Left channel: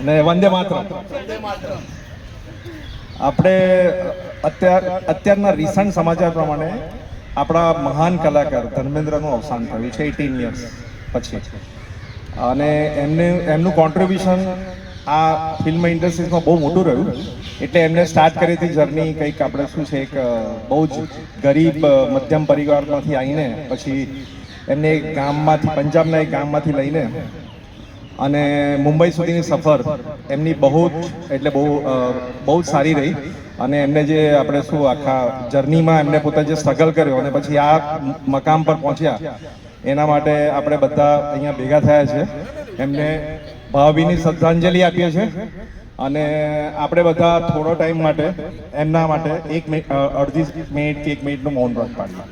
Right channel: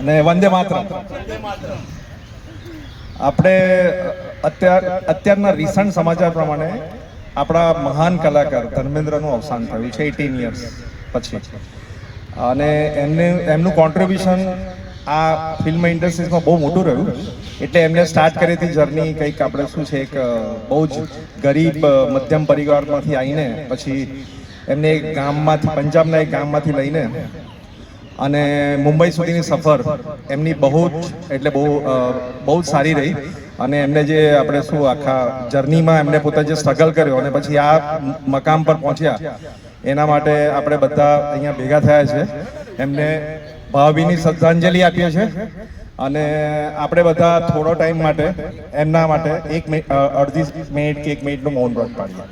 અને વંદે માતરમ. આપણે અત્યારના રિસન્ટ સમાચાર પ્રમાણે આપણા મહાન કલાકાર ધર્મેન્દ્રનું અવસાન થયું છે 18 યર્સ પછી. અને એમનું કોન્ટ્રીબ્યુશન આ ફિલ્મ ઇન્ડસ્ટ્રીઝમાં બહુ મોટું રહ્યું. એટલે એમને સ્ટાર્ટ કરી હતી જર્ની કંઈક આપણે શું છે એક બહુ જ ગરીબ મધ્યમ પરિવારમાંથી આવીને પછી એમને એક ગામમાંથી પંજાબના એક ગામમાંથી લઈને અને મુંબઈ સુધીની સફર એમની બહુ જ સારી રહી. અને એમને જે આપણે શું આખા જર્નીમાં એમને પોતે જે સ્ટ્રગલ કર્યો અને પછી આ મકામ પર પહોંચ્યા એના માટે આપણે બધા અહીંયા ભેગા થયા છે. એમને ભાવભીની શ્રદ્ધાંજલિ આપીએ છીએ અને આપણે બધા થોડો ટાઈમ માટે એમના માટે અડધી મિનિટ કે 1 મિનિટનું મૌન વ્રત પાડીએ.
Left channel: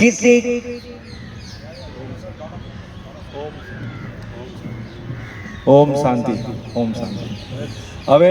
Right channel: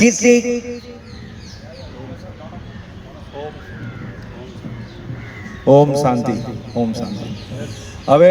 किसी ઓમ શાંતિ. ઓમ શાંતિ. હવે